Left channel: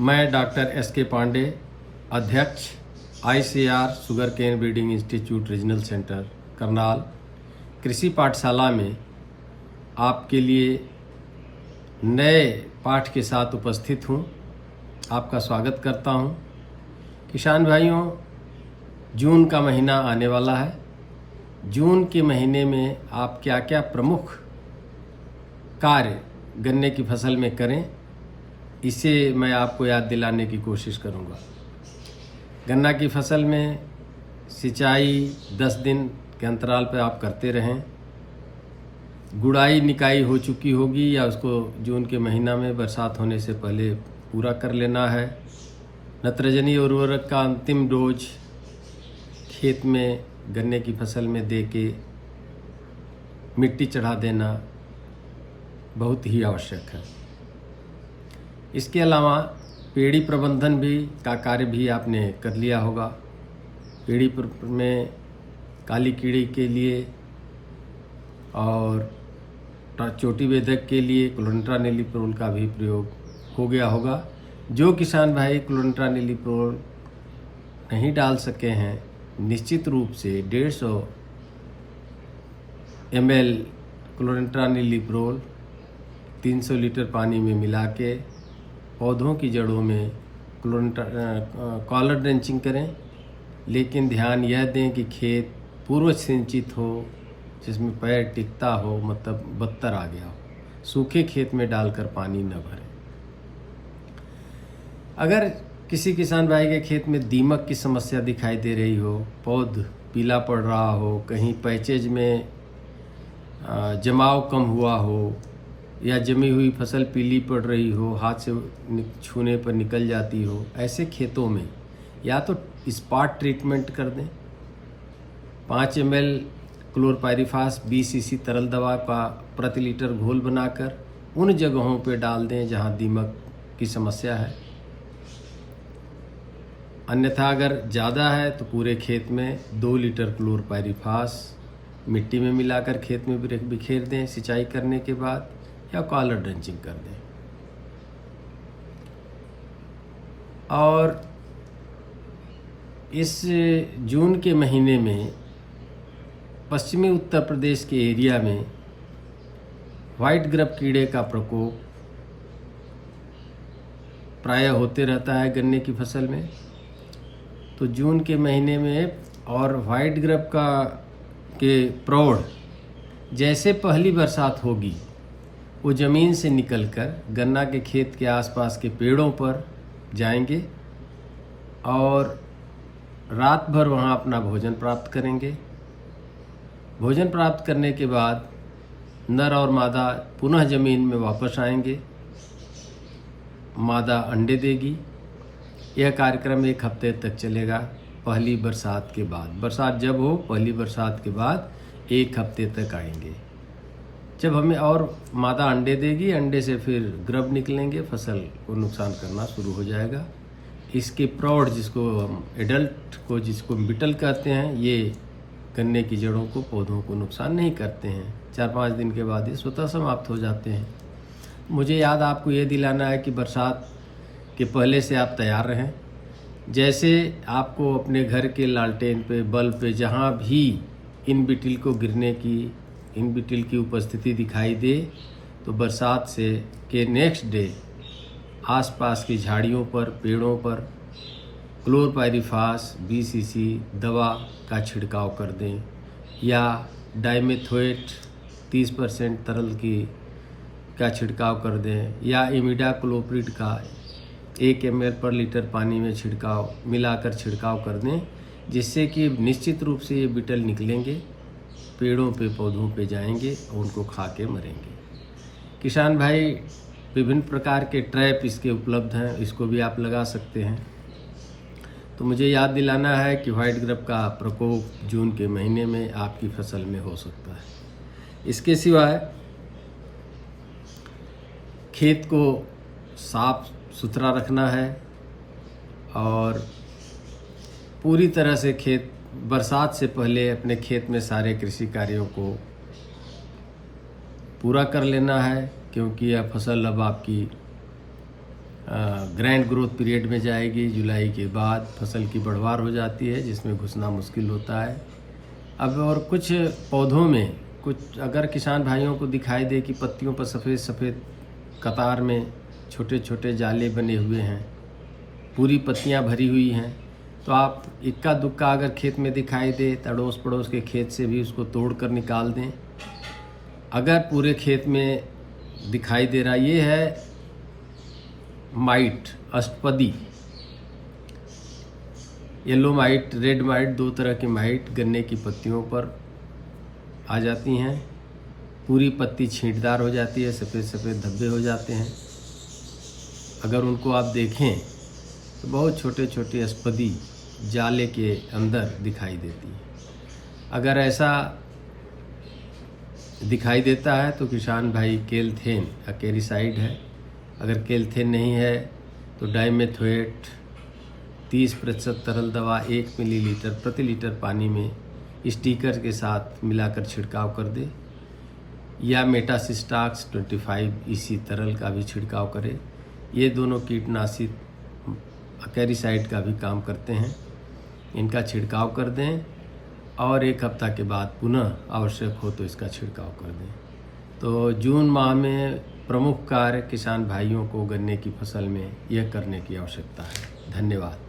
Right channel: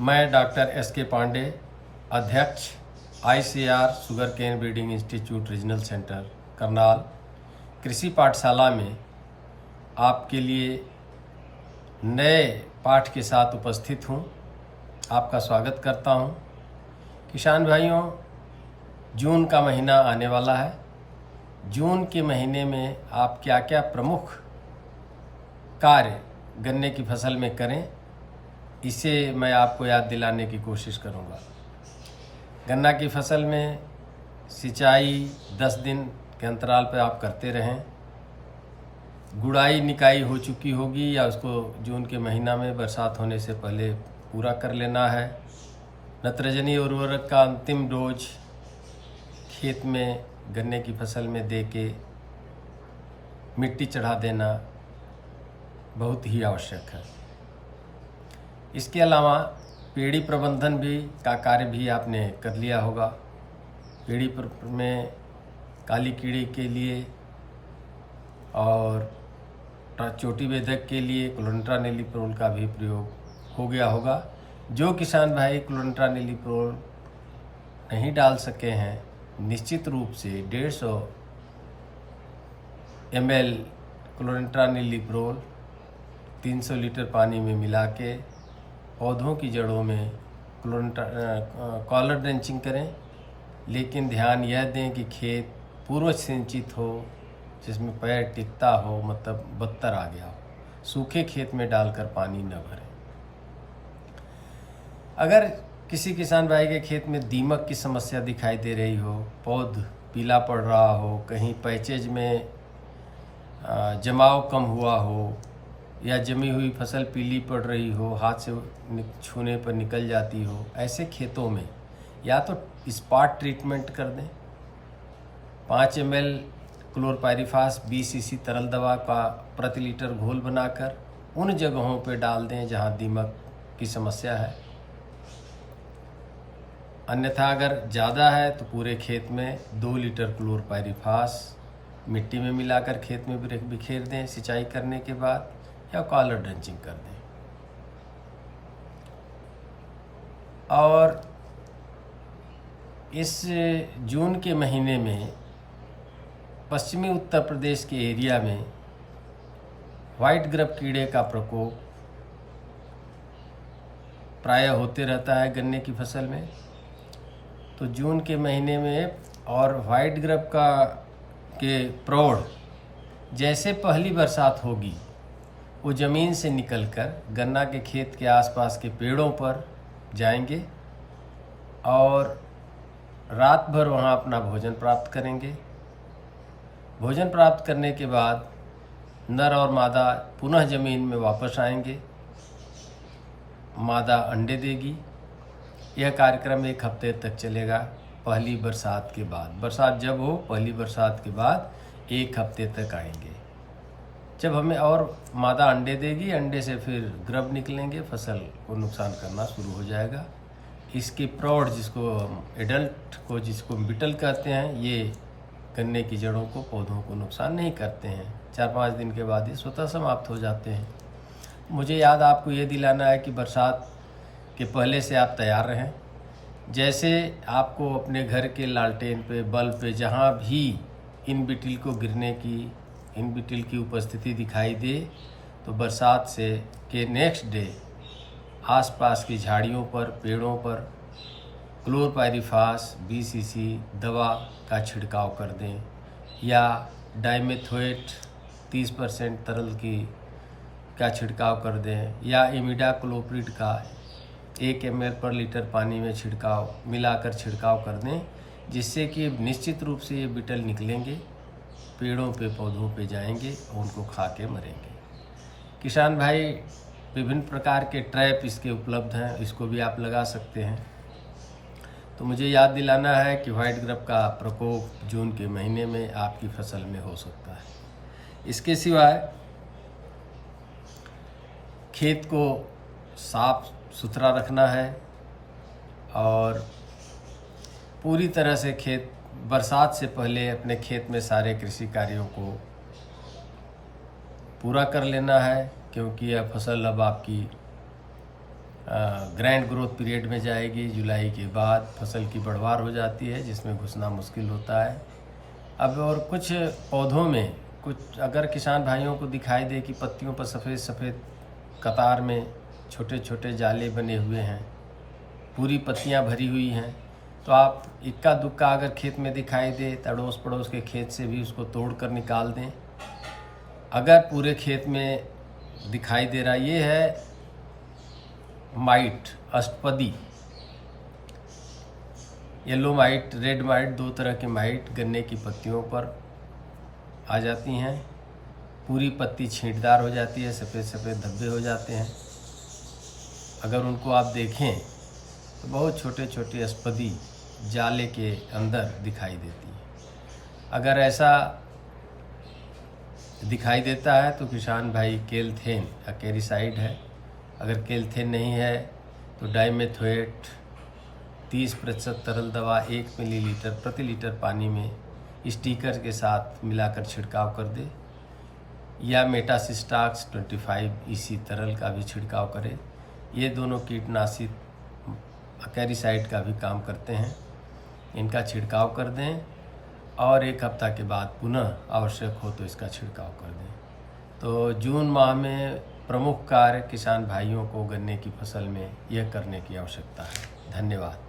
मैं doctor S K. Pandey, अध्यक्ष ICAR sugarcane breeding institute regional centre Karnal, कृषि पाठशाला में आपके लिए नए पाठ के साथ उपस्थित हूँ। आपका स्वागत करता हूँ। किसान भाइयों, जून का महीना आने वाला है। जून के महीने में आप क्या क्या प्रमुख कार्य गन्ने की फसल में करें, इसे मैं आपको याद दिलाने की कोशिश करूंगा। गन्ना की फसल में सिंचाई 10 दिन के अंतराल पर आप करते रहें। गुड़ाई निकाई हो चुकी होगी या उसको जून के महीना में बरसात होने से पहले पूरा कर लेना है। नत्रजनी उर्वरक का अंतिम डोज खेत में गन्ने की फसल में दे के मिट्टी चढ़ा देना बहुत ही आवश्यक है। इसके अलावा पेड़ी प्रबंधन का कार्य भी आपने कर लिया होगा। पेड़ी में काली कीड़ी के लिए और चोटी वेदक के लिए क्लोरेंट्रानिलीप्रोल का भी प्रयोग हो गया होगा। जो किसान भाई क्लोरेंट्रानिलीप्रोल नहीं डाल सके हैं, निश्चित रूप से 150 ml क्लोरेंट्रानिलीप्रोल 300 लीटर पानी में मिला के पौधों की जड़ों में कॉलर ड्रेंचिंग करें। लेकिन ध्यान यह दें कि खेत पूर्व सिंचित हो, जिसमें पैर टिकता हो, मतलब बत्तर आ गया हो। सूखे खेत में डालकर पानी न भरें। अगर किसी किसान भाई के खेत में दीमक की समस्या दिखाई दे रही हो, पौध पीला पड़ रहा हो, कहीं पैचेज में जमाव कम हुआ हो या जमी हुई फसल पीली पड़ रही हो, हाथ से छूने पर निकल जाती हो, ऐसे खेतों में या तो स्पॉट ट्रीटमेंट कर दें। 5 ml क्लोरपाइरिफास 20 cc तरल दवा का प्रति लीटर घोल बनाकर उन जगहों पर डाल दें जहां दीमक की समस्या है। अन्यथा अगर ज़्यादा है तो पूरे खेत में 2 लीटर क्लोरपाइरिफास मिट्टी में मिलाकर खेत में बिखेर दें सिंचाई करने के बाद, या कॉलर ड्रेंचिंग कर दें। और इस जून के महीने में पश्चिमी उत्तर प्रदेश के एरिया में व्हाइट ग्रब कीड़े का प्रकोप प्रायः होते रहता है गन्ने की फसल में। तो जून के महीने में और व्हाइट ग्रब के प्रौढ़ जैसे पहली बरसात होगी, वो ज़मीन से निकलकर गन्ना के खेत के आसपास के पेड़ों पर जाएंगे और रात भर वहाँ अपना भोजन प्राप्त करेंगे। भोजन प्राप्त करने के बाद नर और मादा पुनः ज़मीन में वापस आएंगे। मादा अंडे देगी। यह कार्यक्रम 1 हफ्ते तक चलेगा। पहली बरसात के बाद, बरसात जब हो, पहली बरसात के बाद 1 हफ्ते तक आएंगे। जब हमें और मादा अंडे देगी, अंडे से फिर ग्रब निकलेंगे, फसल को नुकसान करना शुरू हो जाएगा। इसके प्रौढ़, जिसको एडल्ट को जिसको बिटल कहते हैं, ये गन्ने की जड़ों को, पौधों को नुकसान नहीं करते हैं। 4-5 दिन के बाद ये स्वतः समाप्त हो जाते हैं। मुझे याद आपको ये दिलाना है कि बरसात के पहले से आप तैयार रहें। जैसे आपको अपने घर के लालटेन पे, बल्ब पे, जहाँ भी इन बिटिल की उपस्थिति दिखाई दे, तो बरसात के नेक्स्ट डे आसपास की झाड़ियों पर, पेड़ों पर क्लोरपाइरिफास 20 cc दवा का छिड़काव कर दें, या डाइमेथोएट 30% तरल का छिड़काव कर दें, या इमिडाक्लोप्रिड का 1 ml पर लीटर पानी में मिलाकर छिड़काव कर दें, जिससे कि निश्चित रूप से ये बिटल निकलेंगे, पेड़ों पे, पौधों पे जाएंगे और उनको खा के मरेंगे। किसान भाई, विभिन्न प्रकार के ट्रैप इसके उपलब्ध हैं, इसको भी आप लगा सकते हैं। तो मुझे याद दिलाना है कि व्हाइट ग्रब का प्रकोप जून के महीने में आपकी फसल में हो सकता है। इसके सिवाय खेत को साफ सुथरा रखना है और पूरी तरह से बरसात से पहले अपने खेत में सारे कृषि कार्यों को पूरा कर लेना है, क्योंकि यह फसल अब आपकी ग्रैंड ग्रोथ पीरियड में जाएगी। जुलाई के बाद फसल की बढ़वार हो जाती है, जिसमें घुसना मुश्किल होता है। अब और कुछ पौधों में कुछ अगर किसान भाइयों को दिखाई दे कि पत्तियों पर सफ़ेद सफ़ेद कतार में छोटे छोटे जाले बने हुए हैं, पूरी पत्तियां भरी हुई हैं, तो आप इक्का दुक्का अगर खेत में दिखाई दे तो अड़ोस पड़ोस के खेत से भी उसको तोड़ कर निकाल दें। अगर पूरे खेत में दिखाई दे रहा, ये है माइट, अष्टपदी, येलो माइट, रेड माइट, दो तरह के माइट गन्ने की पत्तियों पर आ जाती हैं। पूरी पत्ती छींटदार हो जाती है, सफ़ेद सफ़ेद धब्बे हो जाते हैं। अगर उनको आप देखें तो बहुत छोटे छोटे अष्टपदी जाले के अंदर दिखाई देती है। अगर ऐसा दिखाई देता है तो किसान भाई केलथेन अकेरीसाइड है। अगर केलथेन नहीं है तो डाइमेथोएट 30% तरल दवा 1 मिलीलीटर प्रति लीटर पानी में स्टिकर के साथ मिलाकर छिड़काव कर दे, या मेटासिस्टाक्स 25 EC तरल का भी छिड़काव करे। ये दोनों कीटनाशी अकेरीसाइड का भी काम करते हैं। इनका छिड़काव कर दें और 1 हफ्ता के बाद पुनः आवश्यक हो तो इसका छिड़काव कर दें। तो जून माह में प्रमुख कार्य किसान भाइयों को गन्ने की फसल में यह करने की आवश्यकता है। धन्यवाद।